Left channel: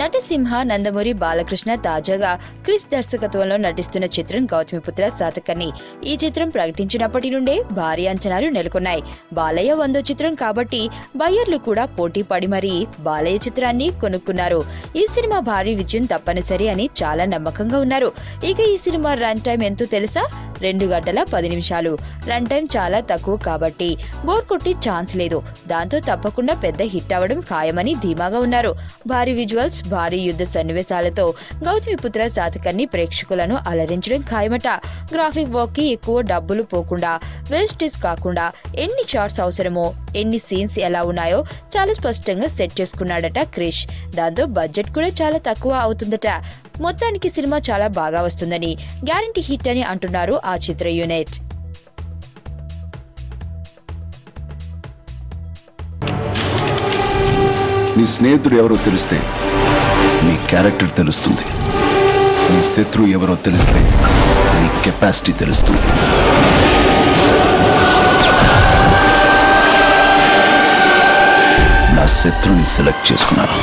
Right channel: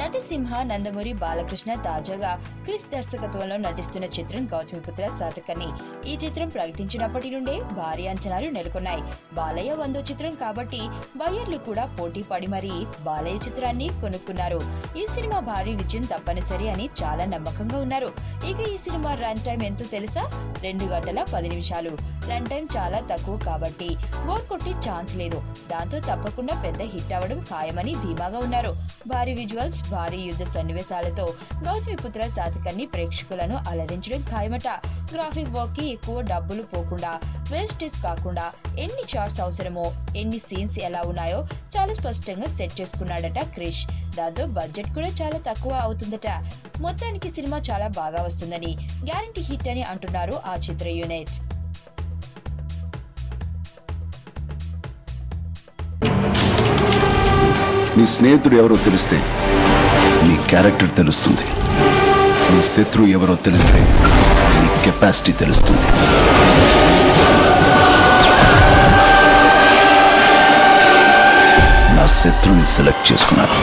నటసింహ నందమూరి బాలకృష్ణ తాజాగా క్రిస్ దర్శకత్వంలో నటిస్తున్న చిత్రం గౌతమిపుత్ర శాతకర్ణి. ఈ చిత్రం ప్రకటించినప్పటి నుండే భారీ అంచనాలు నెలకొన్నాయి. బాలయ్య 100వ చిత్రం కాబట్టి బయ్యర్లు కూడా పోటీ పడి మరీ బాలయ్య చిత్రాన్ని కొనుక్కున్నారు. ఈ సినిమా భారీ విజయం తప్పనిసరి అని చాలా నమ్మకంగా ఉన్నారు. ఇక ఈ సినిమా రన్ టైం ఎంతో తెలుసా? 2 గంటల 10 నిమిషాలు. రన్ టైం చాలా తక్కువ కాబట్టి బోర్ కొట్టి ఛాన్స్ లేదు. దాంతో తప్పకుండా పెద్ద హిట్ అవ్వడం ఖాయమని ధీమాగా ఉన్నారు. భారీ విజువల్స్, భారీ యుద్ధ సన్నివేశాలతో గౌతమిపుత్ర శాతకర్ణి ప్రేక్షకులను అలరించడం ఖాయమట. గ్రాఫిక్ వర్క్ కి ఎక్కువ డబ్బులు పోకుండా, వేస్టేజ్ కాకుండా ఎన్ని షాట్స్ అవసరమో, ఎన్ని సీన్స్ ఎలా ఉన్నాయో చాలా స్పష్టంగా సెట్ చేసుకున్నాడట క్రిష్. దాంతో బడ్జెట్ కూడా చాలా తక్కువ అవుతుందట. మొత్తానికి సినిమా చాలా బాగా వస్తుందని, గ్యారంటీ హిట్ అని అంటున్నారు ఆ చిత్ర యూనిట్. నీ స్నేహితుడు ఎవరో తెలిస్తే నీ క్యారెక్టర్ తెలుస్తుంది. నీ శత్రువు ఎవరో తెలిస్తే నీ కెపాసిటీ తెలుస్తుంది. నా శత్రువుని సెలెక్ట్ చేసుకున్నాను.